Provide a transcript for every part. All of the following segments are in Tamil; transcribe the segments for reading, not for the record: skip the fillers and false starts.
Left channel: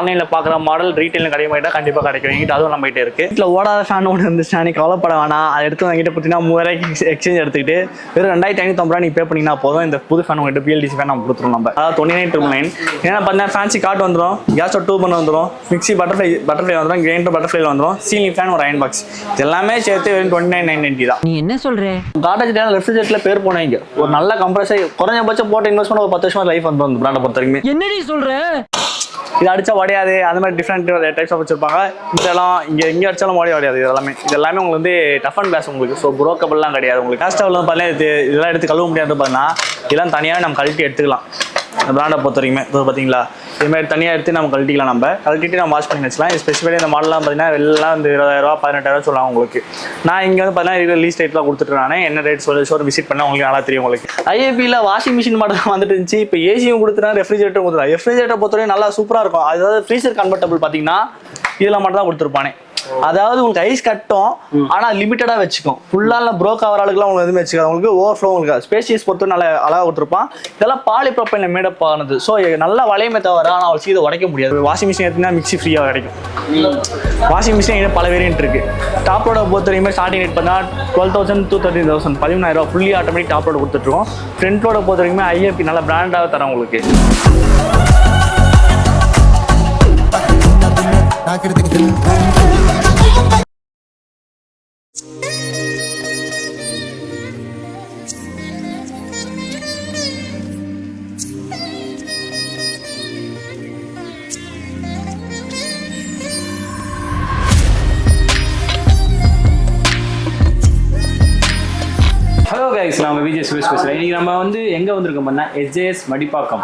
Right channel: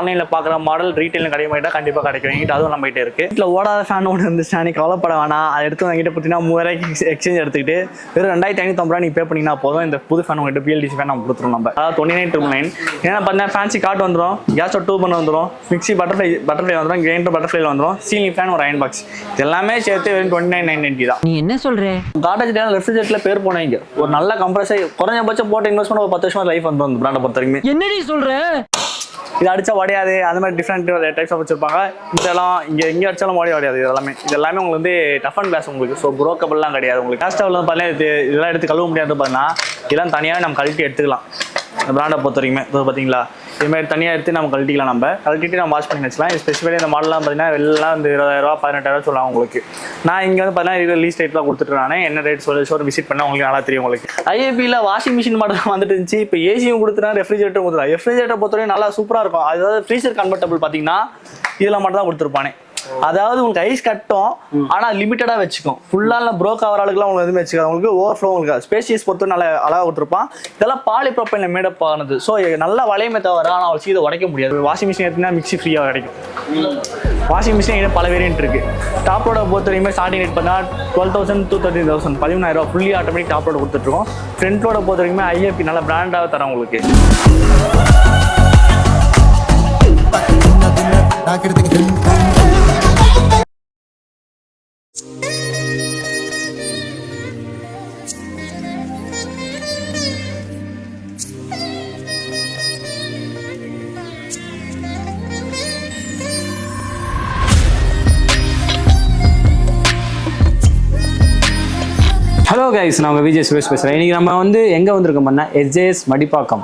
ஆன்லைன்ல பாக்குற மாடல் ரீட்டைல கிடைக்க கண்டிப்பா கிடைக்கும். எங்கிட்ட அதுவும் நம்ம கிட்ட இருக்கு. வீட்டில் ஓடாத ஃபேன் ஒன்று இருந்துச்சுன்னா நீ கவலைப்பட வேணாம். அதை எடுத்து எங்கிட்ட பார்த்தீங்கன்னா 3000 எக்ஸ்சேஞ்ச் எடுத்துக்கிட்டு வெறும் 2550 நீ பே பண்ணினா போதும். இந்த புது ஃபேன் உங்கள்கிட்ட பிஎல்டிசி ஃபேன் நம்ம கொடுத்துருவோம். நம்ம அதாவது 2999 ஏன்னா பார்த்தீங்கன்னா ஃபேன்சி கார்டு வந்துடும், கேஸ் ஸ்டவ் 2 பண்ண வந்துடும், மிக்சி பட்டர்ஃப்ளை வந்துடும், கிரைண்டர் பட்டர்ஃப்ளைல வந்துடும், சீலிங் ஃபேன் ஒரு அயன் பாக்ஸ் எல்லாமே சேர்த்து வெறும் 29990 தான். நீ என்ன சொல்ற? காட்டேஜ் ரெஃப்ரிஜரேட்டர்ல பேர் போனீங்க ஒரு நல்ல கம்ப்ரஸர் குறைஞ்சபட்சம் போட்டு இன்வெஸ்ட் பண்ண ஒரு 10 வருஷம் லைஃப் வந்து அந்த பிராண்டை பொறுத்த வரைக்கும். என்னடி சொல்ற? இது அடிச்சா உடையாது, அந்த மாதிரி டிஃப்ரெண்ட் டைப்ஸ் ஆஃப் வச்சிருப்பாங்க. இதெல்லாம் இங்கே அடிச்சாலும் உடையாது. இது எல்லாமே உங்களுக்கு வந்து டஃப் அண்ட் பேஸ் உங்களுக்கு. ஸோ புரோக்கபிள்லாம் கிடையாது உங்களுக்கு. கேஸ்டவ்ல பார்த்தீங்கன்னா இதெல்லாம் எடுத்து கழுவ முடியாது. பார்த்தீங்கன்னா இதெல்லாம் தனியாக நம்ம கழட்டி எடுத்துக்கலாம். பிராண்டை பொறுத்த வரைக்குமே இது பார்த்தீங்களா, இதுமாதிரி தனியாக எடுத்து நம்ம கழட்டிக்கலாம். நம்ம கழட்டிட்டு நம்ம வாஷ் பண்ணி வச்சுக்கலாம். ஸ்பெசிஃபைலி இந்த மாடலாம் பார்த்தீங்கன்னா எல்லாம் வந்து 20000 18,000 சொல்லுவாங்க உங்களுக்கு. நான் இங்கே வந்து பார்த்தீங்கன்னா லீஸ் ரேட்டில் கொடுத்துட்ருக்கானே என்ன ரேட் சொல்லி விசிட் பண்ணால் உங்களுக்கு நல்லா தெரியும் உங்களுக்கு. ஐஏபியில் வாஷிங் மிஷின் மாடல் வந்துட்டு இருந்துச்சு. இப்போ ஏசியும் கொடுத்துருக்காங்க, ரெஃப்ரிஜரேட்டர் கொடுத்துருக்காங்க. ரெஃப்ரிஜரேட்டர் பொறுத்தவரைக்கும் நல்லா சூப்பராக இருக்கும். அதாவது ஃப்ரீசர் கன்வெர்ட்டபிள் பார்த்தீங்கன்னா இதில் மட்டும் தான் கொடுத்துருப்பானே. அதாவது உங்களுக்கு ஐஸ் கட்டும், ஆனா லிமிட்டடா வச்சுக்கும். ஃபுல்லா ப்ரோக் ஆகிற ஆளுக்குலாம் உங்களுக்கு எதுவுமே வச்சுக்காது. உங்களுக்கு ஓவர்ஃப்ளோ உங்களுக்கு ஸ்பேசியஸ் பொறுத்து நல்லா அழகாக கொடுத்துருப்பான். இதெல்லாம் பாலிப்ரோப்பைன்ல மேடப் ஆனது. ஸோ நல்லா வளையமே தவிர ஆனால் அவள் சீதை உடைக்க முடியாது. வாஷிங் மிஷின் எடுத்தீங்கன்னா மிக்சி ஃப்ரீயாக கிடைக்கும். வாஷிங் மிஷின் பல வேரியன்ட் இருக்கு. டாப் லோட பொறுத்த வரைக்கும் ஸ்டார்டிங் ரேட் பார்த்தீங்கன்னா 12,000 to 13,000 13,000 ஃபுல்லி ஆட்டோமேட்டிக் டாப் லோட கொடுத்துட்ருக்கோம். ஃப்ரண்ட் லோட பொறுத்த வரைக்கும் ஐஏபி நல்ல பிராண்டாக தரோம் உங்களுக்கு. ஹலோ கைஸ், நான் விஜய் சுரேஷ் பேசுகிறேன். இன்றைக்கி நம்ம வந்து எங்கே வந்திருக்கோம் பண்ணால் SJS Madipakkam.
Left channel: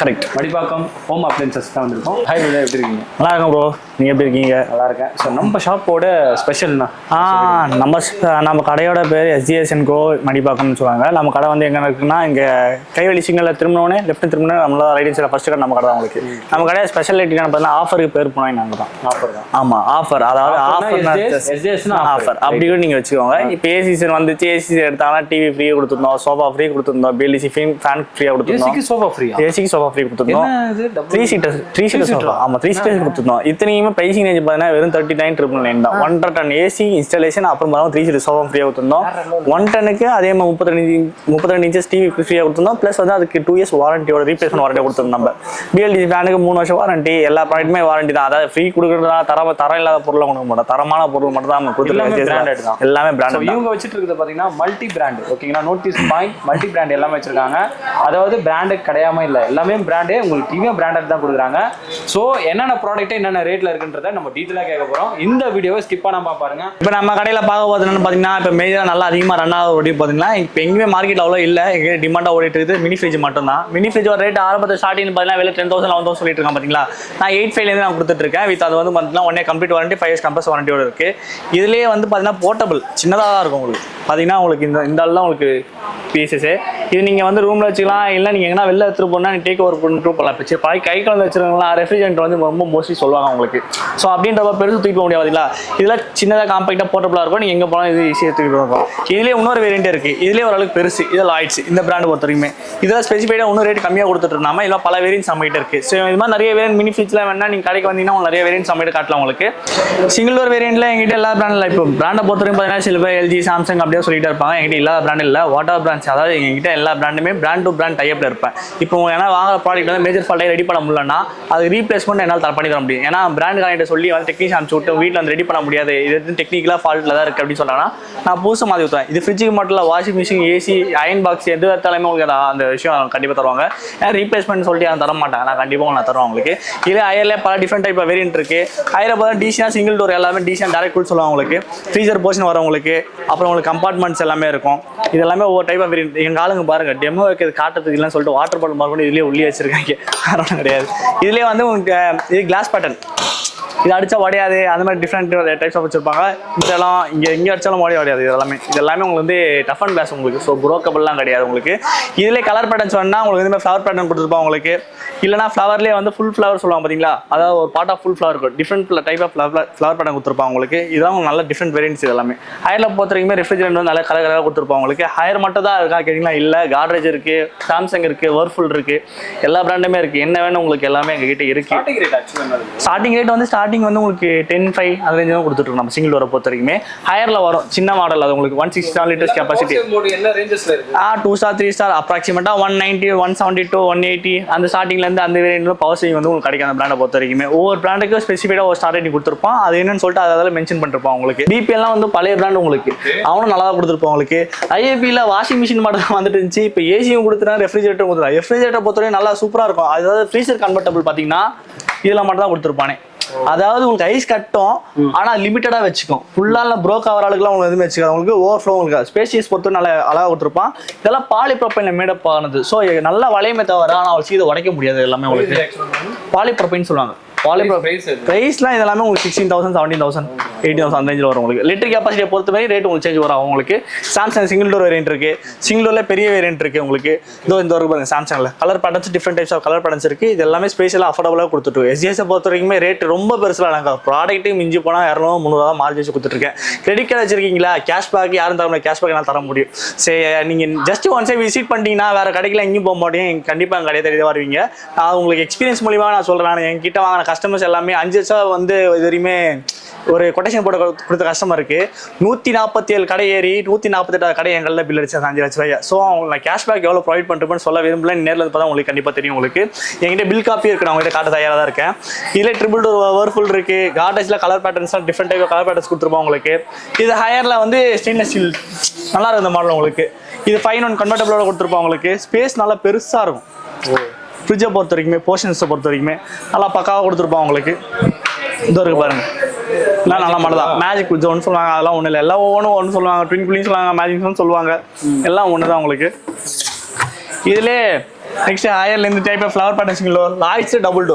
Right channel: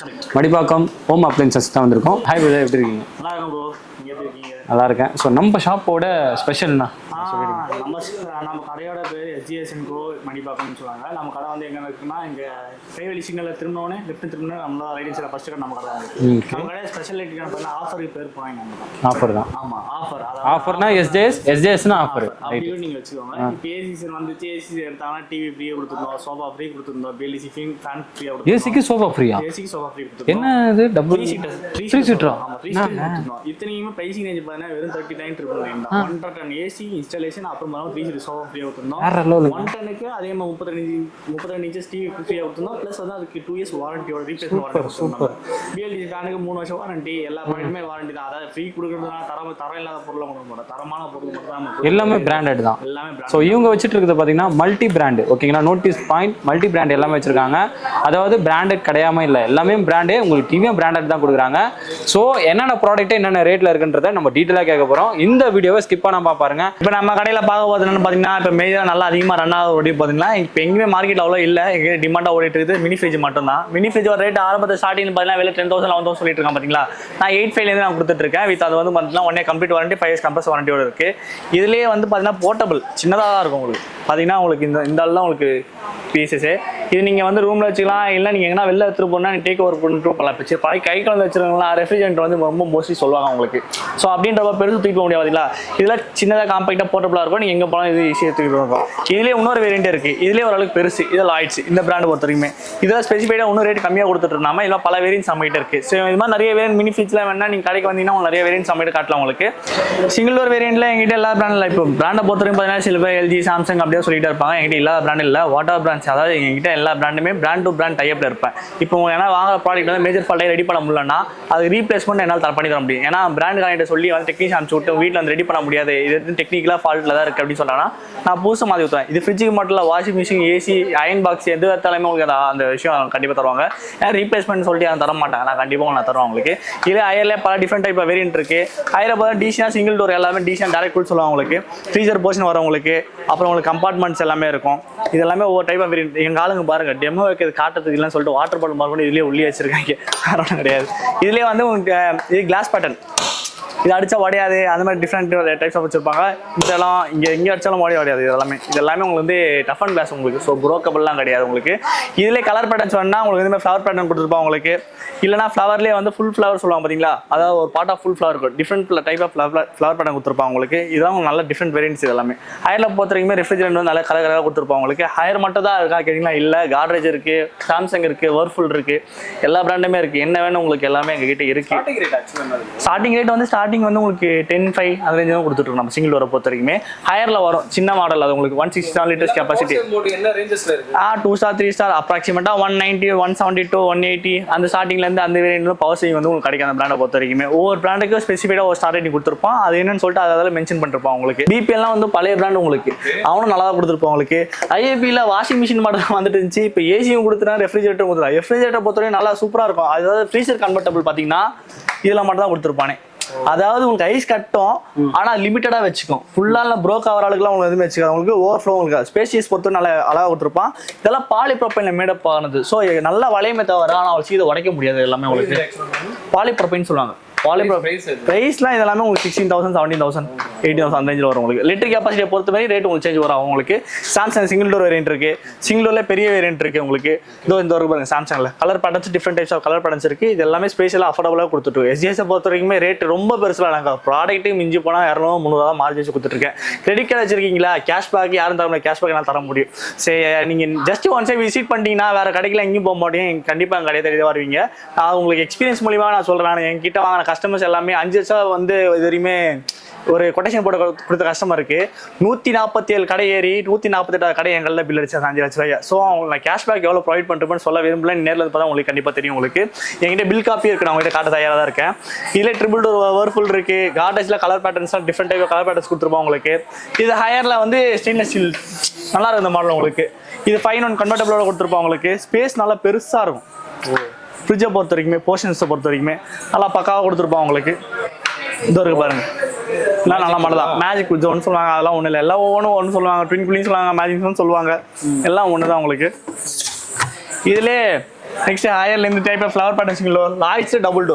Correct, Madipakkam home appliances தான் வந்திருக்கோம். ஹாய் விஜய், எப்படி இருக்கீங்க? நல்லா இருக்கும் ப்ரோ, நீங்கள் எப்படி இருக்கீங்க? நல்லா இருக்கேன். ஸோ நம்ம ஷாப்போட ஸ்பெஷல்னா நம்ம கடையோட பேர் எஸ்ஜிஎஸ் அண்ட் கோ மடிப்பாக்கம்னு சொல்லுவாங்க. நம்ம கடை வந்து எங்கே இருக்குன்னா இங்கே கைவெளி சிக்னலில் திரும்பினோடனே லெஃப்ட் திரும்பினே நம்மளோட ரைட் சைடில் ஃபர்ஸ்ட் கடை நம்ம கடை தான் உங்களுக்கு. நம்ம கடையை ஸ்பெஷாலிட்டிக்கான பார்த்தீங்கன்னா ஆஃபருக்கு பேர் போனோம் நாங்கள் தான். ஆஃபர் தான். ஆமாம், ஆஃபர். அதாவது எஸ்ஜேஎஸ்னா ஆஃபர் அப்படி கூட நீங்கள் வச்சுக்கோங்க. இப்போ ஏசிசன் வந்துச்சு, ஏசிசி எடுத்தாங்கன்னா டிவி ஃப்ரீயாக கொடுத்துருந்தோம், சோஃபா ஃப்ரீ கொடுத்துருந்தோம், பிஎல்டிசி ஃபேன் ஃப்ரீயாக கொடுத்துருந்தோம், சோஃபா ஃப்ரீயா? ஏசிக்கு சோஃபா ஃப்ரீ கொடுத்துருந்தோம், 3 சீட்டர் ஆமாம் 3 சீட்டர்ஸ் கொடுத்துருந்தோம். இத்தனையுமே பிரைசிங் ரேஞ்ச் பார்த்தீங்கன்னா வெறும் 39,999 தான். 1 டன் ஏசி இன்ஸ்டாலேஷன் அப்புறம் 3 சீட்டர் சோஃபா ஃப்ரீயாக கொடுத்துருந்தோம். 1 டனுக்கு அதே மாதிரி 32 இன்ச்சஸ் டிவி ஃப்ரீயாக கொடுத்துருந்தோம். ப்ளஸ் வந்து அதுக்கு 2 இயர்ஸ் வாரண்டியோட ரீப்ளேஸ்மெண்ட் வாரண்டி கொடுத்துருந்தோம். நம்ம பிஎல்டிசி ஃபேனுக்கு 3 வருஷம் வாரண்டி, எல்லா ப்ராடக்ட்டுமே வாரண்டி தான். அதாவது ஃப்ரீ கொடுக்குறதா தரம் இல்லாத பொருளை கொடுக்க மாட்டோம், தரமான பொருள் மட்டும் தான் நம்ம எல்லாமே பிராண்டட் தான். எல்லாமே பிராண்டட். இவங்க வச்சுட்டு இருக்குது பார்த்தீங்கன்னா மல்டி பிராண்ட். ஓகேங்களா, நோட்டீஸ் பாயிண்ட் மல்டி பிராண்ட் எல்லாமே வச்சிருக்காங்க. அதாவது பிராண்டட் கிடையாம இல்லை, எல்லாமே பிராண்டே உங்களுக்கு டிவியும் பிராண்டட் தான் கொடுக்குறாங்க. ஸோ என்னென்ன ப்ராடக்ட் என்னென்ன ரேட்ல இருக்குன்றத நம்ம டீட்டெயிலாக கேட்க போகிறோம். இந்த வீடியோவை ஸ்கிப் பண்ணாம பாருங்க. இப்போ நம்ம கடையில் பார்க்க போதுன்னு பார்த்தீங்கன்னா இப்போ மேஜராக நல்லா அதிகமாக ரன் ஆக ஓடி பார்த்தீங்கன்னா இப்போ எங்கேயுமே மார்க்கெட் அவ்வளோ இல்லை, எங்கே டிமாண்டாக ஓடிட்டு இருக்குது மினி ஃப்ரிட்ஜ் மட்டும் தான். மினி ஃப்ரிட்ஜ் ஒரு ரேட் ஆரம்பத்தில் ஸ்டார்டிங் பார்த்தீங்கன்னா வெளியே 10,000 11,000 சொல்லிட்டு இருக்காங்க. பார்த்தீங்களா, நான் 8,500 நான் கொடுத்துட்டு இருக்கேன். வித் அது வந்து பார்த்தீங்கன்னா 1 கம்ப்ளீட் வாரண்டி, 5 இயர்ஸ் கம்பல்ஸ் வாரண்டியோட இருக்கு. இதுலேயே வந்து பார்த்தீங்கன்னா போர்ட்டபிள் சின்னதாக தான் இருக்கும் உங்களுக்கு. பார்த்தீங்கன்னா உங்களுக்கு இந்த ஆள் உங்களுக்கு பீசஸு இது நீங்கள் வந்து ரூமில் வச்சுக்கலாம், இல்லை நீங்கள் எங்கன்னா வெளில எடுத்துகிட்டு போனால் நீங்கள் டேக் ஓவர் பண்ணிட்டு போகலாம். இப்போ பாய் கை கலந்து வச்சுருக்கலாம். ரெஃப்ரிஜரேட்டர் வந்து ரொம்ப மோஸ்ட்லி சொல்லுவாங்க உங்களுக்கு. ஸோ அப்படின்றப்ப பெருசு தூக்கி போக முடியாது. இதில் சின்னதாக காம்பேக்டாக போர்ட்டபிளாக இருக்கும், நீங்கள் எங்கே போனால் இது ஈஸியாக தூக்கிட்டு இருக்கும். இதுலேயே இன்னொரு வேரியன்ட் இருக்குது, இதுலேயே ஓரளவுக்கு பெருசு. இது லாய்ட்ஸ் இந்த பிராண்டு பொறுத்த வரைக்குமே இதில் ஸ்பெசிஃபைடாக இன்னும் ரேட் கம்மியாக கொடுத்துட்டு இருந்தாமல் இல்லை பல வேரியன்ஸ் நம்மகிட்ட இருக்குது. ஸோ இது மாதிரி நிறைய வேரியன்ட் மினி ஃப்ரிட்ஜில் வேணா நீங்கள் கடைக்கு வந்தீங்கன்னா உங்களுக்கு நிறைய வேரியன்ஸ் நம்மகிட்ட காட்டலாம் உங்களுக்கு. சிங்கிள் டோர் வேரியன்ட்ல எங்கிட்ட எல்லா பிராண்டில் இப்போ பிராண்டை பொறுத்த வரைக்கும் பார்த்தீங்கன்னா சில பேர் எல்ஜி சாம்சங் அப்படியே சொல்லிட்டு இருப்பாங்க. எங்கிட்ட எல்லா பிராண்டும் இல்லை, வாட்டர் பிராண்ட்ஸ். அதாவது எங்ககிட்ட எல்லா பிராண்டுமே பிராண்ட் டு பிராண்ட் டைப்ல இருப்பேன். இப்போ ஏன்னா வாங்குற ப்ராடக்ட் வந்து மேஜர் ஃபால்ட்டை ரெடி பண்ண முடியலன்னா அது ரீப்ளேஸ்மெண்ட் என்னால் பண்ணி தர முடியும். ஏன்னா பிராண்ட் கார்ட்ட சொல்லி வந்து டெக்னீஷியன் அனுப்பிச்சு விட்டு வீட்டில் வந்து ரெடி பண்ண முடியாது, இது டெக்னிக்கலாக ஃபால்ட்டில் தான் இருக்குது அப்படின்னு சொன்னாங்கன்னா நான் புதுசு மாதிரி ஊற்றுவேன். இது ஃப்ரிட்ஜுக்கு மட்டும் இல்லை, washing machine, AC, iron box எது எடுத்தாலுமே உங்களுக்கு அந்த விஷயம் கண்டிப்பாக தருவாங்க. ஏன்னா ரீப்ளேஸ்மெண்ட் சொல்லிட்டு அதை தர மாட்டாங்க, நான் கண்டிப்பாக நான் தருவேன் உங்களுக்கு. இதில் அயர்லேயே பல டிஃப்ரெண்ட் டைப் வேரியன்ட் இருக்குது. அயரை பார்த்தா டிசினா சிங்கிள் டோர் எல்லாமே டிசினா டேரக்ட் கூல் சொல்லுவாங்க உங்களுக்கு. ஃப்ரீசர் போர்ஷன் வரவங்களுக்கு, அப்புறம் உங்களுக்கு கம்பார்ட்மெண்ட்ஸ் எல்லாமே இருக்கும். இது எல்லாமே ஒவ்வொரு டைப் ஆஃப் வேரியன்ட். எங்கள் ஆளுங்க பாருங்கள் டெமோ வைக்கிறது காட்டுறதுக்கு இல்லைன்னு சொல்லிட்டு வாட்டர் பாட்டில் மாதிரி இதுலேயே உள்ளே வச்சிருக்காங்க, காரணம் கிடையாது. இதுலேயே வந்து உங்களுக்கு இது கிளாஸ் பேட்டர்ன் இது அடிச்சா உடையாது, அந்த மாதிரி டிஃப்ரெண்ட் டைப்ஸ் ஆஃப் வச்சிருப்பாங்க. இதெல்லாம் எங்கே அடிச்சாலும் உடையாது. இது எல்லாமே உங்களுக்கு வந்து டஃப் அண்ட் கிளாஸ் உங்களுக்கு. ஸோ ப்ரோக்கபிள்லாம் கிடையாது உங்களுக்கு. இதிலே கலர் பேட்டர்ன்ஸ் வேணா உங்களுக்கு இந்த மாதிரி ஃப்ளவர் பேட்டர்ன் கொடுத்துருப்பாங்க உங்களுக்கு. இல்லைனா ஃப்ளவர்லேயே வந்து ஃபுல் ஃப்ளவர் சொல்லுவாங்க பார்த்தீங்களா, அதாவது ஒரு பார்ட் ஆஃப் ஃபுல் ஃப்ளவர் இருக்கும். Different type of flower pattern கொடுத்துருப்பாங்க உங்களுக்கு. இதெல்லாம் நல்ல டிஃப்ரெண்ட் வேரியன்ட்ஸ் எல்லாமே. ஹையரில் பொறுத்த வரைக்கும் ரெஃப்ரிஜரேட் வந்து நல்ல கலர் கலராக கொடுத்துருப்பாங்க உங்களுக்கு. ஹையர் மட்டும் தான் இருக்கா கேட்டிங்கன்னா இல்லை, காட்ரேஜ் இருக்குது, சாம்சங் இருக்குது, வேர்ஃபுல் இருக்குது, எல்லா பிராண்டுமே இருக்குது. என்ன வேணும் உங்களுக்கு எல்லாமே எங்ககிட்ட இருக்குது. ஸ்டார்டிங் ரேட் வந்து உங்களுக்கு 10.5 அந்த ரேஞ்ச் தான் கொடுத்துருக்கோம் நம்ம சிங்கிள் டோரை பொறுத்த வரைக்குமே. ஹையரில் வரும் சின்ன மாடல், அது உங்களுக்கு 167 லிட்டர்ஸ் கெப்பாசிட்டி. 2 ஸ்டார் 3 ஸ்டார் அப்ராக்சிமேட்டாக 190, 172, 180 அந்த ஸ்டார்டிங்லேருந்து அந்த வேரியன்ட்ல பவர் சேவிங் வந்து உங்களுக்கு கிடைக்கும் அந்த பிராண்டை பொறுத்த வரைக்குமே. ஒவ்வொரு பிராண்டுக்கும் ஸ்பெசிஃபைடாக ஒரு ஸ்டார் ரேட்டிங் கொடுத்துருப்போம். அது என்னன்னு சொல்லிட்டு அதில் மென்ஷன் பண்ணிருப்போம் உங்களுக்கு. பிபிஎல்லாம் வந்து பழைய பிராண்ட் உங்களுக்கு, அவனும் நல்லா தான் கொடுத்துருப்போம் உங்களுக்கு. ஐஏபியில் வாஷிங் மிஷின் மாடல் வந்துட்டு இருந்துச்சு. இப்போ ஏசியும் கொடுத்துருக்காங்க, ரெஃப்ரிஜரேட்டர் கொடுத்துருக்காங்க. ரெஃப்ரிஜரேட்டர் பொறுத்தவரைக்கும் நல்லா சூப்பராக இருக்கும். அதாவது ஃப்ரீசர் கன்வெர்ட்டபிள் பார்த்தீங்கன்னா இதில் மட்டும் தான் கொடுத்துருப்பானே. அதாவது உங்களுக்கு ஐஸ் கட்டும், ஆனா லிமிட்டடா வச்சுக்கும். ஃபுல்லா ப்ரோக் ஆகிற ஆளுக்குலாம் உங்களுக்கு எதுவுமே வச்சுக்காது. உங்களுக்கு ஓவர் ஃப்ளோ உங்களுக்கு ஸ்பேசியஸ் பொறுத்து நல்லா அழகாக கொடுத்துருப்பான். இதெல்லாம் பாலிப்ரோபைன்ல மேடப் ஆனது. ஸோ நல்லா வளையமே தவிர ஆனால் அவள் சீதை உடைக்க முடியாது. எல்லாமே உங்களுக்கு பாலிப்ரோபைன் சொல்லுவாங்க. பிரைஸ்லாம் இதெல்லாமே உங்களுக்கு 16,000, 17,000, 18,000 அந்த ரேஞ்சில் வரும் உங்களுக்கு. லிட்டர் கெப்பாசிட்டியை பொறுத்த மாதிரி ரேட் உங்களுக்கு சேஞ்ச் வரும் உங்களுக்கு. சாம்சங் சிங்கிள் டோர் வேரியன்ட் இருக்கு, சிங்கிள் டோர்ல பெரிய வேரியன்ட் இருக்கு உங்களுக்கு. இந்த ஒரு பாருங்க சாம்சங்ல colour patterns, different types of colour patterns இருக்கு. இது எல்லாமே ஸ்பேஷலாக அஃபோர்டபுளாக கொடுத்துட்டு. எஸ்ஜிஎஸ் பொறுத்த வரைக்குமே ரேட் ரொம்ப பெருசுலாம் நாங்கள் ப்ராடக்ட்டையும் மிஞ்சி போனால் 200-300 மார்ஜ் வச்சு கொடுத்துருக்கேன். கிரெடிட் கார்டு வச்சிருக்கீங்களா, கேஷ்பேக் யாரும் தர முடியாது, கேஷ்பேக் நான் தர முடியும். சரி, நீங்கள் ஜஸ்ட் ஒன்ஸே விசிட் பண்ணிட்டீங்கன்னா வேற கடைக்குலாம் எங்கேயும் போக மாட்டேன், கண்டிப்பாக எங்கள் கடையை தேடி வருவீங்க. நான் உங்களுக்கு எக்ஸ்பீரியன்ஸ் மூலியமா நான் சொல்கிறேன். என்கிட்ட வாங்கின கஸ்டமர்ஸ் எல்லாமே 5 வருஷம் வந்து இது வரையுமே ஒரு கொட்டேஷன் போட்டு கொடுத்த கஸ்டமருக்கு 147 கடை ஏறி 148 கடை எங்களில் பில் அடிச்சா 5 லட்ச ரூபாய். ஸோ நான் கேஷ்பேக் எவ்வளோ ப்ரொவைட் பண்ணுறேன்னு சொல்ல விரும்பல. நேரில் பார்த்தா உங்களுக்கு கண்டிப்பாக தெரியும். உங்களுக்கு என்கிட்ட பில் காப்பி இருக்கு, நான் உங்கள்கிட்ட காட்ட தயாராக தான் இருக்கேன். இதில் ட்ரிபிள் டோர் வேர்ஃபுல் இருக்கு, கார்டேஜில் கலர் பேட்டர்ன்ஸ்லாம் டிஃப்ரெண்ட் டைப் கலர் பேட்டர்ன்ஸ் கொடுத்துருப்போம் உங்களுக்கு. இது ஹையரில் வந்து ஸ்டெயின்லெஸ் ஸ்டீல் நல்லா இருக்கும் இந்த மாடல் உங்களுக்கு. இது 5-in-1 கன்வெர்ட்டபிளோட கொடுத்துருப்போம் உங்களுக்கு. ஸ்பேஸ் நல்லா பெருசாக இருக்கும். ஃப்ரிட்ஜை பொறுத்த வரைக்குமே, போர்ஷன்ஸை பொறுத்த வரைக்குமே நல்லா பக்காவாக கொடுத்துருப்போம் உங்களுக்கு. இதோ இருக்கு பாருங்க, எல்லாம் நல்ல மாடல் தான். மேஜிக் ஜோன் சொல்லுவாங்க, அதெல்லாம் ஒன்றும் இல்லை. எல்லாம் ஒன்று சொல்லுவாங்க, ட்வின் கூலிங் சொல்லுவாங்க, மேஜிக் ஜோன் சொல்லுவாங்க, எல்லாம் ஒன்று தான் உங்களுக்கு. இதிலே நெக்ஸ்ட் ஹையர்ல இந்த type of flower pattern single door, Lloyds double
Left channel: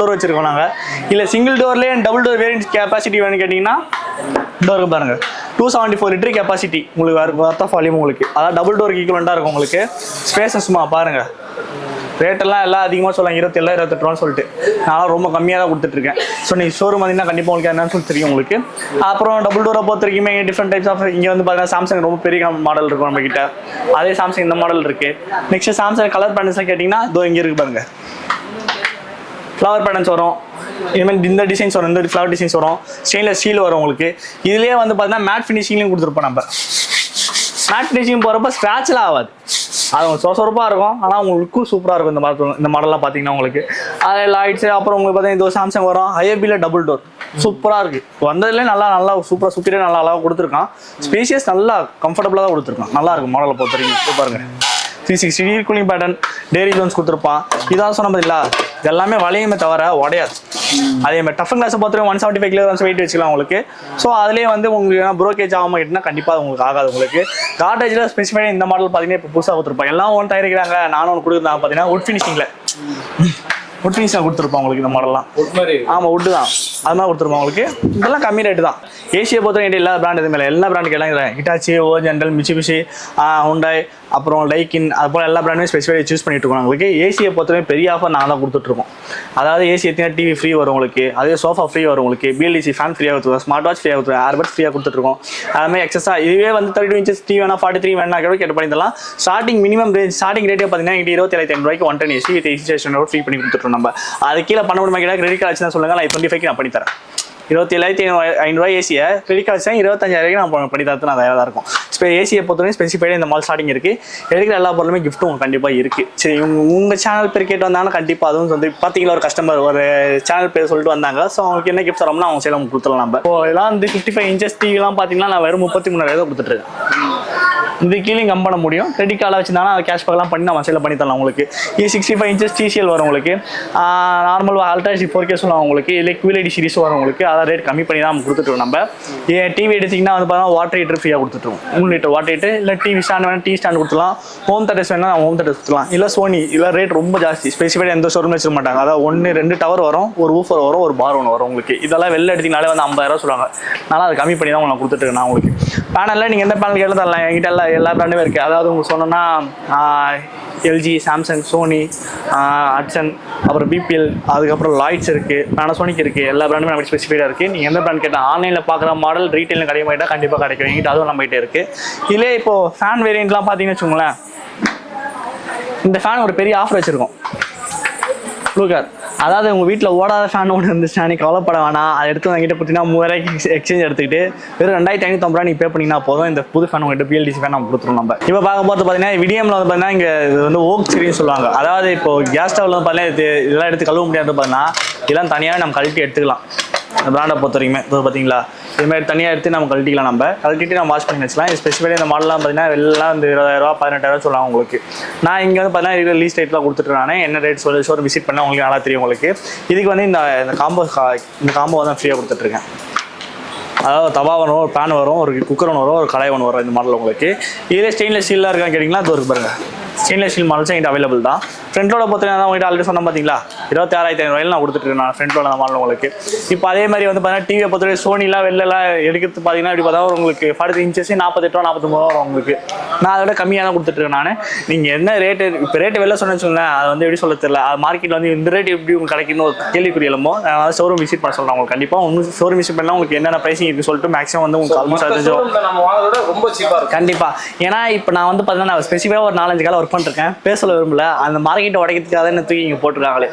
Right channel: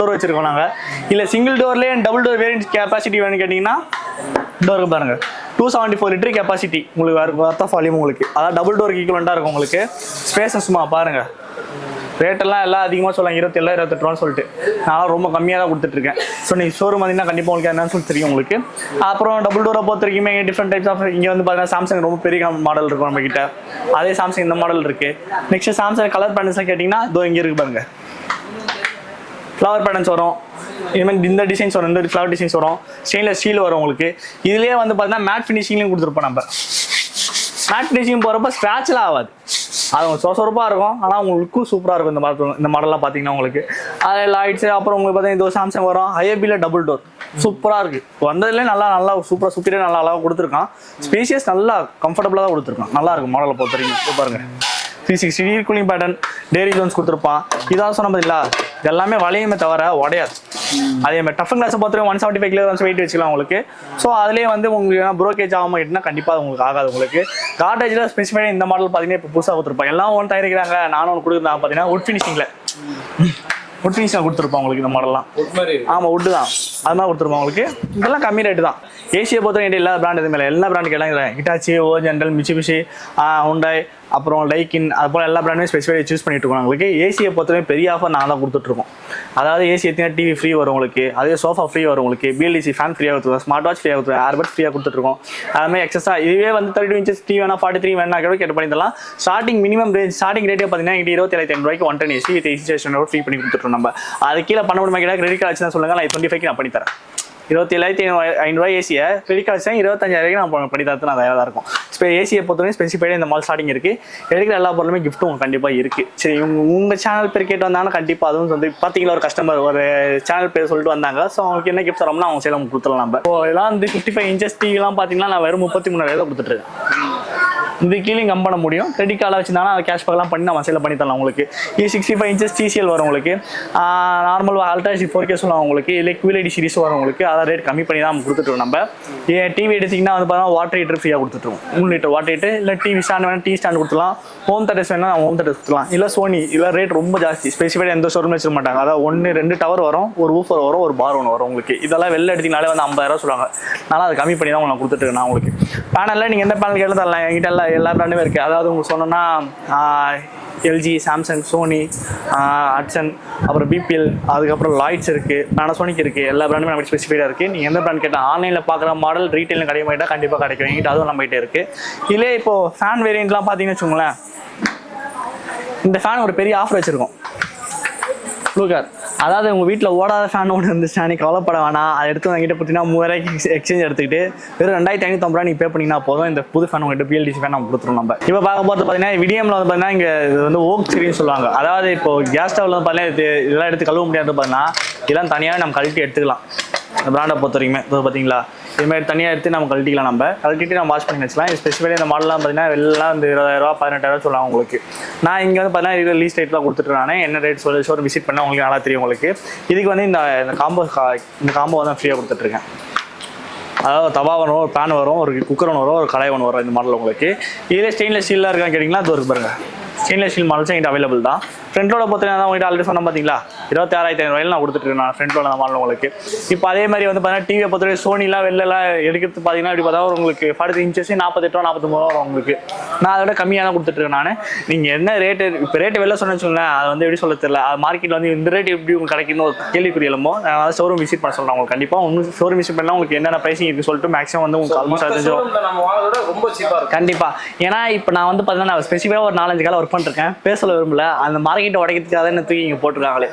door வச்சிருக்கோம் நாங்கள். இல்லை சிங்கிள் டோர்லேயே டபுள் டோர் வேரியன்ட் கெப்பாசிட்டி வேணும்னு கேட்டிங்கன்னா டோருக்கு பாருங்க 274 லிட்டர் கெப்பாசிட்டி உங்களுக்கு வர்த் ஆஃப் வால்யூம் உங்களுக்கு. அதாவது டபுள் டோருக்கு ஈக்குவலண்டாக இருக்கும் உங்களுக்கு. ஸ்பேசஸ் சும்மா பாருங்க. ரேட்டெல்லாம் எல்லாம் அதிகமாக சொல்லுவாங்க, 27,000 28,000 சொல்லிட்டு. நான் ரொம்ப கம்மியாக தான் கொடுத்துட்ருக்கேன். ஸோ நீங்கள் ஷோரூம் வந்தீங்கன்னா கண்டிப்பாக உங்களுக்கு என்னன்னு சொல்லி தெரியும் உங்களுக்கு. அப்புறம் டபுள் டோரை பொறுத்த வரைக்குமே டிஃப்ரெண்ட் டைப்ஸ் ஆஃப் இங்கே வந்து பார்த்தீங்கன்னா சாம்சங் ரொம்ப பெரிய மாடல் இருக்கும் நம்ம கிட்ட. அதே சாம்சங் இந்த மாடல் இருக்கு. நெக்ஸ்ட் சாம்சங் கலர் பேட்டர்ன்ஸ்லாம் கேட்டிங்கன்னா இதோ இங்கே இருக்கு பாருங்க. ஃப்ளவர் பேட்டர்ன்ஸ் வரும், இதுமாதிரி இந்த டிசைன்ஸ் வரும், இந்த ஃப்ளவர் டிசைன்ஸ் வரும், ஸ்டெயின்லெஸ் ஸ்டீல் வரும் உங்களுக்கு. இதுலேயே வந்து பார்த்தீங்கன்னா மேட் ஃபினிஷிங்லையும் கொடுத்துருப்போம் நம்ம. மேட் ஃபினிஷிங் போகிறப்ப ஸ்க்ராட்ச்லாம் ஆகாது, அது உங்களுக்கு சொரப்பாக இருக்கும். ஆனால் உங்களுக்கும் சூப்பராக இருக்கும் இந்த மாடல்லாம் பார்த்தீங்கன்னா உங்களுக்கு. அதில் லைட்ஸு அப்புறம் உங்களுக்கு பார்த்தீங்கன்னா இது சாம்சங் வரும். ஐஏபியில் டபுள் டோர் சூப்பராக இருக்குது. வந்ததுலேயே நல்லா சூப்பராக சுற்றிலே நல்லா அழகாக கொடுத்துருக்கான். ஸ்பேஷியஸ் நல்லா கம்ஃபர்டபுளாக தான் கொடுத்துருக்கான். நல்லா இருக்கும் மாடலை பொறுத்த வரைக்கும். பாருங்க 360 கூலிங் பேட்டர்ன், டேரி ஜோன்ஸ் கொடுத்துருப்பான். இதாக சொன்ன பதிலா எல்லாமே வளையுமே தவிர உடையாது. அதே மாதிரி டஃப் கிளாஸை பொறுத்தவரை 175 கிலோகிராம்ஸ் வெயிட் வச்சுக்கலாம் உங்களுக்கு. ஸோ அதுலேயே வந்து உங்களுக்கு ப்ரோக்கேஜ் ஆகாமல் கிட்டனா கண்டிப்பாக உங்களுக்கு ஆகாது உங்களுக்கு. கார்டேஜில் ஸ்பெசிஃபைடாக இந்த மாடல் பார்த்தீங்கன்னா இப்போ புதுசாக கொடுத்துருப்பாங்க. எல்லாம் ஒன்று தயாரிக்கிறாங்க, நானும் ஒன்று கொடுக்குறாங்க பார்த்தீங்கன்னா உட் ஃபினிஷிங்கில் கொடுத்துருப்பாங்க உங்களுக்கு. இந்த மாடல்லாம் ஆமாம் உட்டு தான், அது மாதிரி கொடுத்துருப்பாங்க உங்களுக்கு. இதெல்லாம் கம்மி ரேட்டு தான். ஏசியை பொறுத்தவரை எல்லா பிராண்ட் எதுவுமே இல்லை, எல்லா பிராண்டுக்கு எல்லாம் ஹிட்டாச்சி, ஓஜெண்டல், மிட்சுபிஷி, ஹுண்டாய், அப்புறம் லைக்கின், அதுபோல் எல்லா பிராண்டுமே ஸ்பெசிஃபைடாக சூஸ் பண்ணிட்டு இருக்கோம் உங்களுக்கு. ஏசியை பொறுத்தவரை பெரிய ஆஃபர் நாங்கள் தான் கொடுத்துட்ருக்கோம். அதாவது ஏசி எத்தனை டிவி ஃப்ரீ வரும் உங்களுக்கு, அதே சோஃபா ஃப்ரீ வரும் உங்களுக்கு, பிஎல்டிசி ஃபேன் ஃப்ரீயாக கொடுத்துருவோம், ஸ்மார்ட் வாட்ச் ஃப்ரீயாக கொடுத்துருவோம், ஏர்பட்ஸ் ஃப்ரீயாக கொடுத்துட்ருக்கோம். அதுமாதிரி எக்ஸஸாக இதுவே வந்து 32 inches டிவி வேணா 43 வேணா கூட கேட்டு பண்ணிடலாம். ஸ்டார்டிங் மினிமம் ரேஞ்ச் ஸ்டார்டிங் ரேட்டே பார்த்தீங்கன்னா 27,500 110 AC with AC station free பண்ணி கொடுத்துட்ருவோம் நம்ம. அது கீழே பண்ண முடியுமா கேட்டால் கிரெடிட் கார்டு வச்சுதான் சொல்லுங்கள், நான் 25 நான் பண்ணித்தரேன். 27,500 ஏசியை கிரெடிட் கார்டு 25,000 நான் பண்ணி தரது நான் தயாராக இருக்கும். இப்போ ஏசியை பொறுத்தவரை ஸ்பெசிஃபைடாக இந்த மால் ஸ்டார்டிங் இருக்குது. எடுக்கிற எல்லா பொருளுமே கிஃப்ட்டும் உங்களுக்கு கண்டிப்பாக இருக்குது. சரி, உங்கள் சேனல் பேர் கேட்டு வந்தாங்கன்னா கண்டிப்பாக அதுவும் வந்து பார்த்தீங்களா ஒரு கஸ்டமர் ஒரு சேனல் பேர் சொல்லிட்டு வந்தாங்க. ஸோ அவங்களுக்கு என்ன கிஃப்ட் தரோம்னா அவங்க சைடில் கொடுத்துடலாம் நம்ம. இப்போ இதெல்லாம் வந்து 55 inches டிவிலாம் பார்த்தீங்கன்னா நான் வெறும் 33,000 கொடுத்துட்ருக்கேன். இது கீழே கம் பண்ண முடியும். கிரெடிட் கார்டில் வச்சுருந்தாலும் அதை கேஷ்பேக்லாம் பண்ணி நம்ம சேல் பண்ணி தரலாம் உங்களுக்கு. இது 65 inches TCL வரும் உங்களுக்கு. நார்மல் அல்ட்ரா HD 4K சொல்லுவாங்க உங்களுக்கு. இல்லை QLED சீரிஸ் வரும் உங்களுக்கு. அதை ரேட் கம்மி பண்ணி தான் நம்ம கொடுத்துட்ருவோம். நம்ம டிவி எடுத்திங்கன்னா வந்து பார்த்தா வாட்டர் ஹீட்டர் ஃப்ரீயாக கொடுத்துட்ருவோம். 3 லிட்டர் வாட்டர் ஹீட்டர். இல்லை டிவி ஸ்டாண்ட் வேணால் டிவி ஸ்டாண்ட் கொடுத்துலாம். ஹோம் தேட்டர்ஸ் வேணால் நம்ம ஹோம் தேட்டர்ஸ் கொடுத்துலாம். இல்லை சோனி இல்லை ரேட் ரொம்ப ஜாஸ்தி, ஸ்பெசிஃபைடாக எந்த ஷோரூம் வச்சிட மாட்டாங்க. அதாவது 1-2 டவர் வரும், ஒரு ஊஃபர் வரும், ஒரு பார் ஒன்று வரும் உங்களுக்கு. இதெல்லாம் வெளில எடுத்திங்கனாலே வந்து 50,000 சொல்லுவாங்க. அதனால் அதை கம்மி பண்ணி தான் உங்களுக்கு கொடுத்துட்டு நான் உங்களுக்கு. பேனலில் நீங்கள் எந்த பேனல் கேட்டாலும் தரலாம். என்கிட்ட எல்லா பிராண்டுமே இருக்குது. அதாவது உங்களுக்கு சொன்னோன்னா LG, சாம்சங், சோனி, ஹட்சன், அப்புறம் பிபிஎல், அதுக்கப்புறம் லாய்ட்ஸ் இருக்குது, பேனாசோனிக் இருக்குது. எல்லா பிராண்டுமே நமக்கு ஸ்பெசிஃபைடாக இருக்குது. நீங்கள் எந்த பிராண்ட் கேட்டால் ஆன்லைனில் பார்க்குற மாடல் ரீட்டெயிலில் கிடைக்க மாட்டா கண்டிப்பாக கிடைக்கும். எங்கிட்ட அதுவும் நம்மகிட்ட இருக்குது. இதிலே இப்போது ஃபேன் வேரியண்ட்லாம் பார்த்தீங்கன்னு வச்சுக்கோங்களேன். இந்த ஃபேன் ஒரு பெரிய ஆஃபர் வச்சுருக்கோம். ப்ளூகார், அதாவது உங்கள் வீட்டில் ஓடாத ஃபேன் ஒன்று இருந்துச்சுன்னா நீ கவலைப்பட வேணாம். அதை எடுத்து வாங்கிட்டு பார்த்தீங்கன்னா 3000 எக்ஸ்சேஞ்ச் எடுத்துக்கிட்டு வெறும் 2550 நீ பே பண்ணிங்கன்னா போதும். இந்த புது ஃபேன் உங்கள்கிட்ட PLDC ஃபேன் நம்ம கொடுத்துருவோம். நம்ம இப்போ பார்க்க போது பார்த்தீங்கன்னா விடிஎம்ல வந்து பார்த்தீங்கன்னா இங்கே இது வந்து ஓக் சீரிஸ் சொல்லுவாங்க. அதாவது இப்போ கேஸ் ஸ்டவ்ல வந்து பார்த்தீங்கன்னா இதெல்லாம் எடுத்து கழுவ முடியாது. பார்த்தீங்கன்னா இதெல்லாம் தனியாக நம்ம கழட்டி எடுத்துக்கலாம். பிராண்டை பொறுத்த வரைக்குமே இது பார்த்தீங்களா, இதுமாதிரி தனியாக எடுத்து நம்ம கழட்டிக்கலாம். நம்ம கழட்டிட்டு நம்ம வாஷ் பண்ணி வச்சுக்கலாம். ஸ்பெசிஃபைடாக இந்த மாடலாம் பார்த்தீங்கன்னா வெளிலாம் வந்து 20,000 18,000 சொல்லுவாங்க உங்களுக்கு. நான் இங்கே வந்து பார்த்தீங்கன்னா லீஸ்ட் ரேட்லாம் கொடுத்துட்ருக்கானே. என்ன ரேட் ஷோரூம் விசிட் பண்ணால் உங்களுக்கு நல்லா தெரியும் உங்களுக்கு. இதுக்கு வந்து இந்த காம்போ தான் ஃப்ரீயாக கொடுத்துட்ருக்கேன். அதாவது தவா வரும், ஒரு பேன் வரும், ஒரு குக்கர் ஒன்று வரும், ஒரு கடாய் ஒன்று வரும். இந்த மாடல் உங்களுக்கு இதே ஸ்டெயின்லெஸ் ஸ்டீலாக இருக்கான்னு கேட்டிங்கன்னா அது ஒரு பாருங்க. ஸ்டெயின்லெஸ் ஸ்டீல் மாடல்ஸ் எங்கிட்ட அவைலபிள் தான். ஃப்ரண்ட் லோட பார்த்தீங்கன்னா உங்கள்கிட்ட ஆல்ரெடி சொன்ன பார்த்தீங்களா 26,500 நான் கொடுத்துட்டு நான் ஃப்ரண்ட் லோட மாடல் உங்களுக்கு. இப்போ அதே மாதிரி வந்து பார்த்தீங்கன்னா டிவியை பொறுத்தவரை சோனிலாம் வெளிலலாம் எடுக்கிறது பார்த்தீங்கன்னா இப்படி பார்த்தா உங்களுக்கு 40 inches 48 ரூபா 49 ரூபா வரும் உங்களுக்கு. நான் அதோட கம்மியாக தான் கொடுத்துட்ருக்கேன் நான். நீங்கள் என்ன ரேட்டு இப்போ ரேட்டு வெளில சொன்னேன்னு வச்சுக்கோங்களேன், அது வந்து எப்படி சொல்ல தெரியல. அது மார்க்கெட்டில் வந்து இந்த ரேட் எப்படி உங்களுக்கு கிடைக்குன்னு ஒரு கேள்விக்குறி எழுமோ. நான் ஷோரூம் விசிட் பண்ண சொல்கிறேன் உங்களுக்கு. கண்டிப்பாக உங்களுக்கு ஷோரூம் விசிட் பண்ணால் உங்களுக்கு என்னென்ன ப்ரைஸிங் இருக்குன்னு சொல்லிட்டு மேக்ஸிமம் வந்து உங்களுக்கு ஆல்மோஸ்ட் ரொம்ப சீப்பாக இருக்கும். கண்டிப்பாக. ஏன்னா இப்போ நான் வந்து பார்த்தீங்கன்னா நான் ஸ்பெசிஃபிக்காக ஒரு 4-5 காலம் ஒர்க் பண்ணிருக்கேன். பேசல விரும்பல. அந்த மார்க்கெட்டை உடைக்கிறதுக்காக தான் தூக்கி இங்கே போட்டுருக்காங்களே.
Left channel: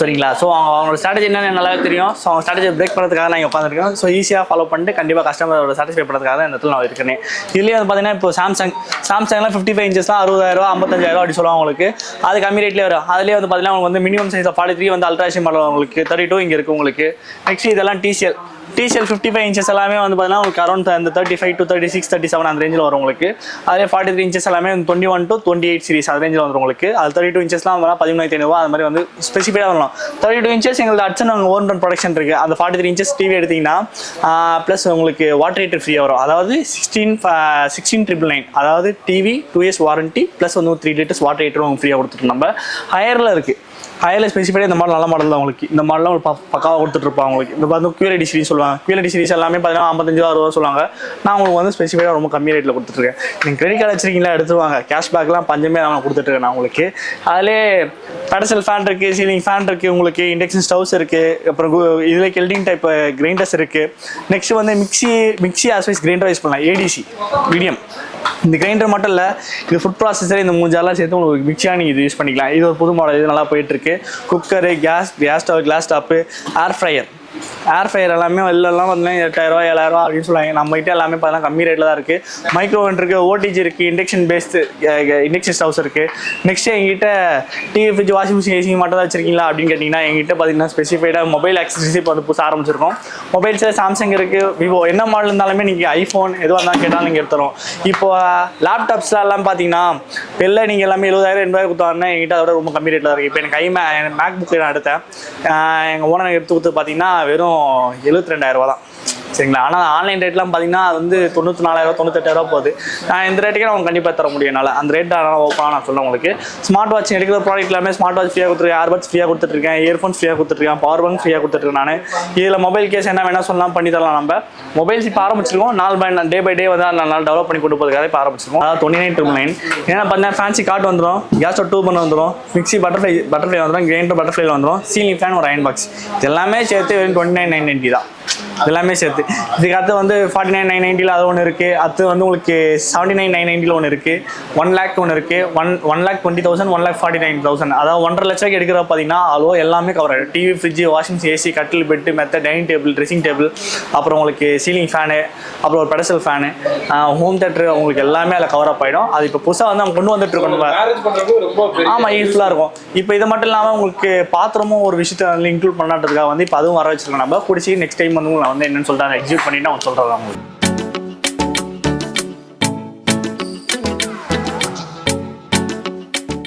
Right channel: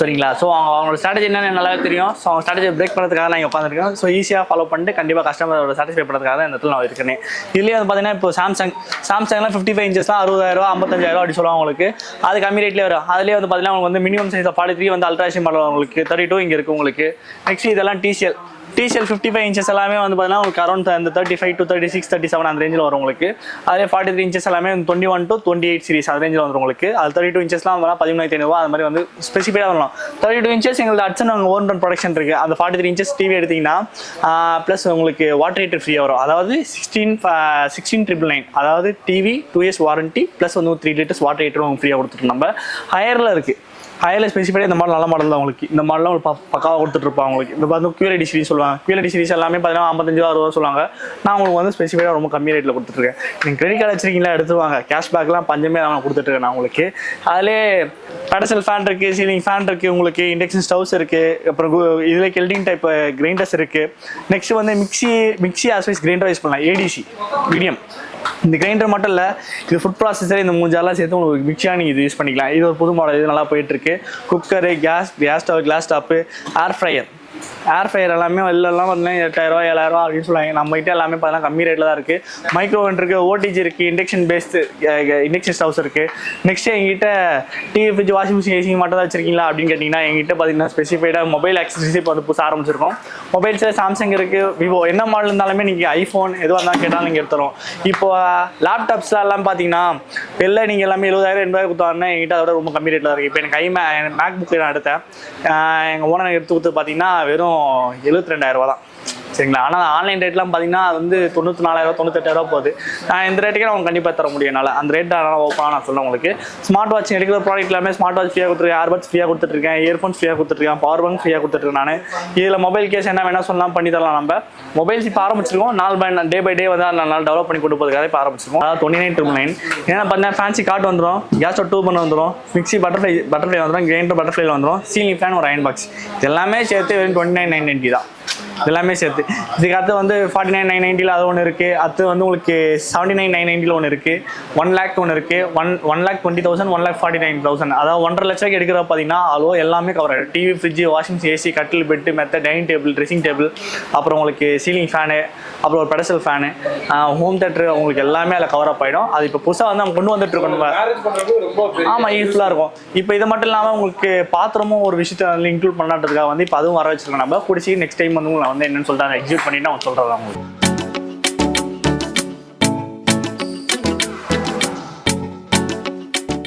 சரிங்களா? ஸோ அவங்களோட ஸ்ட்ராட்டஜி என்னன்னு நல்லா தெரியும். ஸோ அவங்க ஸ்ட்ராட்டஜி பிரேக் பண்ணுறதுக்காக நான் இங்கே உட்காந்துருக்கேன். ஸோ ஈஸியாக ஃபாலோ பண்ணிட்டு கண்டிப்பாக கஸ்டமரோட சாட்டிஸ்ஃபை பண்ணுறதுக்காக தான் இந்த இடத்துல நான் இருக்கேன். இதுலேயே வந்து பார்த்தீங்கன்னா இப்போ சாம்சங்லாம் 55 inches தான் 60,000 55,000 அப்படி சொல்லுவாங்க உங்களுக்கு. அது கம்மி ரேட்லேயே வரும். அதுலேயே வந்து பார்த்தீங்கன்னா உங்களுக்கு வந்து மினிமம் சைஸ் 43 வந்து அல்ட்ரா HD மாடல் உங்களுக்கு 32 இங்கே இருக்குது உங்களுக்கு. நெக்ஸ்ட் இதெல்லாம் TCL 55 inches எல்லாமே வந்து பார்த்தீங்கன்னா உங்களுக்கு அரௌண்ட் அந்த 35 to 36 37 அந்த ரேஞ்சில் வரும் உங்களுக்கு. அதே 43 inches எல்லாமே 21 to 28 சீரிஸ் அந்த ரேஞ்சில் வந்துடும் உங்களுக்கு. அது 32 inchesலாம் வந்தால் 13,500 அது மாதிரி வந்து ஸ்பெசிஃபைடாக வரலாம். 32 inches எங்களுக்கு ஹட்சன் அங்கே ஓன் ரன் ப்ரொடக்ஷன் இருக்குது. அந்த 43 inches டிவி எடுத்திங்கன்னா ப்ளஸ் உங்களுக்கு வாட்டர் ஹீட்டர் ஃப்ரீயாக வரும். அதாவது 16,999 அதாவது டிவி 2 years வாரண்ட்டி ப்ளஸ் வந்து 3 liters வாட்டர் ஹீட்டரும் உங்களுக்கு ஃப்ரீயாக கொடுத்துட்டு நம்ம ஹையரில் இருக்குது. ஹையரில் ஸ்பெசிஃபைடாக இந்த மாடல் நல்ல மாடல் தான் உங்களுக்கு. இந்த மாடலாம் ஒரு பக்காவாக கொடுத்துட்ருப்பாங்க உங்களுக்கு. இந்த பார்த்து QLED சீரிஸ் சொல்லுவாங்க. QLED சீரிஸ் எல்லாமே பார்த்தீங்கன்னா 55,000 சொல்லுவாங்க. நான் உங்களுக்கு வந்து ஸ்பெசிஃபைடாக ரொம்ப கம்மி ரேட்டில் கொடுத்துட்ருக்கேன். நீங்கள் கிரெடிட் கார்டு வச்சிருக்கீங்களா எடுத்துவாங்க. கேஷ்பேக்லாம் பஞ்சமே நான் கொடுத்துட்ருக்கேன் நான் உங்களுக்கு. அதிலே பெடசல் ஃபேன் இருக்குது, சீலிங் ஃபேன் இருக்குது உங்களுக்கு, இண்டக்ஷன் ஸ்டவ்ஸ் இருக்குது, அப்புறம் இதில் கெல்டிங் டைப் கிரைண்டர்ஸ் இருக்குது. நெக்ஸ்ட் வந்து மிக்ஸி ஆஸ்வைஸ் கிரைண்டர் யூஸ் பண்ணலாம். ADC medium. இந்த கிரைண்டர் மட்டும் இல்லை, இது ஃபுட் ப்ராசஸர் இந்த மூஞ்சாலாம் சேர்த்து உங்களுக்கு மிக்சியாக நீங்கள் இது யூஸ் பண்ணிக்கலாம். இது ஒரு புது மாடல், இது நல்லா போயிட்டுருக்கு. Cooker, gas stove, glass top, air fryer எல்லாமே வெளிலலாம் பார்த்தீங்கன்னா 8,000 7,000 அப்படின்னு சொல்லுவாங்க. நம்மகிட்ட எல்லாமே பார்த்தீங்கன்னா கம்மி ரேட்டில் தான் இருக்குது. மைக்ரோவன் இருக்குது, OTG இருக்குது, இண்டக்ஷன் ஸ்டவ்ஸ் இருக்குது. நெக்ஸ்ட் எங்கிட்ட TV, fridge, washing machine, AC மட்டும் தான் வச்சிருக்கீங்களா அப்படின்னு கேட்டிங்கன்னா எங்கிட்ட பார்த்தீங்கன்னா ஸ்பெசிஃபைடாக மொபைல் ஆக்சஸரிஸ் இப்போ வந்து புதுசாக ஆரம்பிச்சிருக்கோம். மொபைல்ஸில் சாம்சங் இருக்குது, விவோ, என்ன மாடல் இருந்தாலுமே நீங்கள் ஐஃபோன் எதுவாக இருந்தாலும் கேட்டாலும் நீங்கள் எடுத்துரும். இப்போ லேப்டாப்ஸ்லாம் எல்லாம் பார்த்தீங்கன்னா வெளில நீங்கள் எல்லாமே 70,000 80,000 கொடுத்தாங்கன்னா எங்கிட்ட அதோட ரொம்ப கம்மி ரேட்டில் இருக்குது. இப்போ எனக்கு மேக் புக்கு நான் எடுத்தேன். எங்கள் ஓனர் எடுத்து கொடுத்து பார்த்தீங்கன்னா வெறும் 72,000 தான். சரிங்களா? ஆனால் ஆன்லைன் ரேட்லாம் பார்த்தீங்கன்னா அது வந்து 94,000 98,000 போகுது. நான் இந்த ரேட்டுக்கே நான் கண்டிப்பாக தர முடியும் என்னால். அந்த ரேட் ஓப்பனாக நான் சொல்ல உங்களுக்கு. ஸ்மார்ட் வாட்ச் எடுக்கிற ப்ராடக்ட் எல்லாமே ஸ்மார்ட் வாட்ச் ஃப்ரீயாக கொடுத்துருக்கேன், ஏர்பட்ஸ் ஃப்ரீயாக கொடுத்துட்ருக்கேன், இயர்ஃபோன்ஸ் ஃப்ரீயாக கொடுத்துட்ருக்கேன், பவர் பேங்க் ஃப்ரீயாக கொடுத்துட்ருக்கேன். நான் இதில் மொபைல் கேஸ் என்ன வேணால் சொல்லலாம் பண்ணி தரலாம். நம்ம மொபைல்ஸ் இப்போ ஆரம்பிச்சிருக்கோம். டே பை டே வந்து நாலு டெவலப் பண்ணி கொண்டு போகிறதுக்காக இப்போ ஆரம்பிச்சிருக்கோம். அதாவது 29,999. ஏன்னா பார்த்தீங்கன்னா ஃபேன்சி கார்டு வந்துடும், கேஸ் ஸ்டவ் 2 பண்ண வந்துடும், மிக்ஸி பட்டர்ஃப்ளை வந்துடும், கிரைண்டர் பட்டர்ஃப்ளைல வந்துடும், சீலிங் ஃபேன் ஒரு அயன் பாக்ஸ். எல்லாமே சேர்த்து 29,990 தான். எல்லாமே சேர்த்து இதுக்கு அடுத்து வந்து 49,990 அது ஒன்று இருக்குது. அடுத்து வந்து உங்களுக்கு 79,990 ஒன்று இருக்குது, 1 lakh ஒன்று இருக்குது, 1,20,000 1,49,000. அதாவது 1.5 லட்சம் எடுக்கிற பார்த்தீங்கன்னா அவ்வளோ எல்லாமே கவர் ஆகிடும். TV, fridge, washing machine, AC, கட்டில், பெட்டு, மெத்த, டைனிங் டேபிள், ட்ரெஸ்ஸிங் டேபிள், அப்புறம் உங்களுக்கு சீலிங் ஃபேனு, அப்புறம் ஒரு பெடசல் ஃபேனு, ஹோம் தேட்டர் உங்களுக்கு எல்லாமே அதில் கவர் அப் ஆகிடும். அது இப்போ புதுசாக வந்து அவங்க கொண்டு வந்துட்டு இருக்கோம். ஆமாம், யூஸ்ஃபுல்லாக இருக்கும். இப்போ இது மட்டும் இல்லாமல் உங்களுக்கு பாத்திரமும் ஒரு விஷயத்தை வந்து இன்க்ளூட் பண்ணான்றதுக்காக வந்து இப்போ அதுவும் வர வச்சிருக்கோம். நம்ம பிடிச்சி நெக்ஸ்ட் டைம் வந்து நான் வந்து என்னன்னு சொல்லிட்டு அதை எக்ஸிக்யூட் பண்ணிட்டு அவங்க சொல்கிறேன் உங்களுக்கு.